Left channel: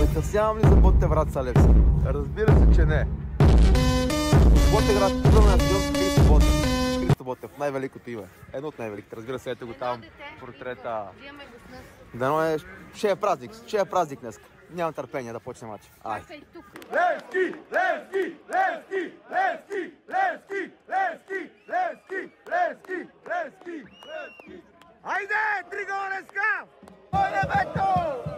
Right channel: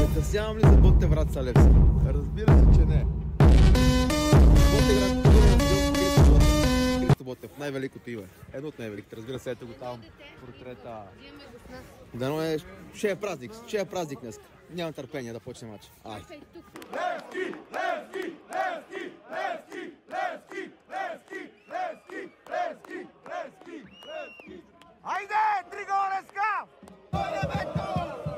Закъснявам ли за Ботевград, Левски? Разбира се, че не. От Ботевград идваме на стадион Христо Ботев. Христо Ботев, най-великото име. Едно от най-великите. Разбира се, ето го там портрета. Дано ще е празник. Ще е празник днес. Нямам търпение да почне матч. Ай. Левски! Левски! Левски! Левски! Левски! Левски! Левски! Левски! Левски! Айде! Три гола днеска! Оле, бето!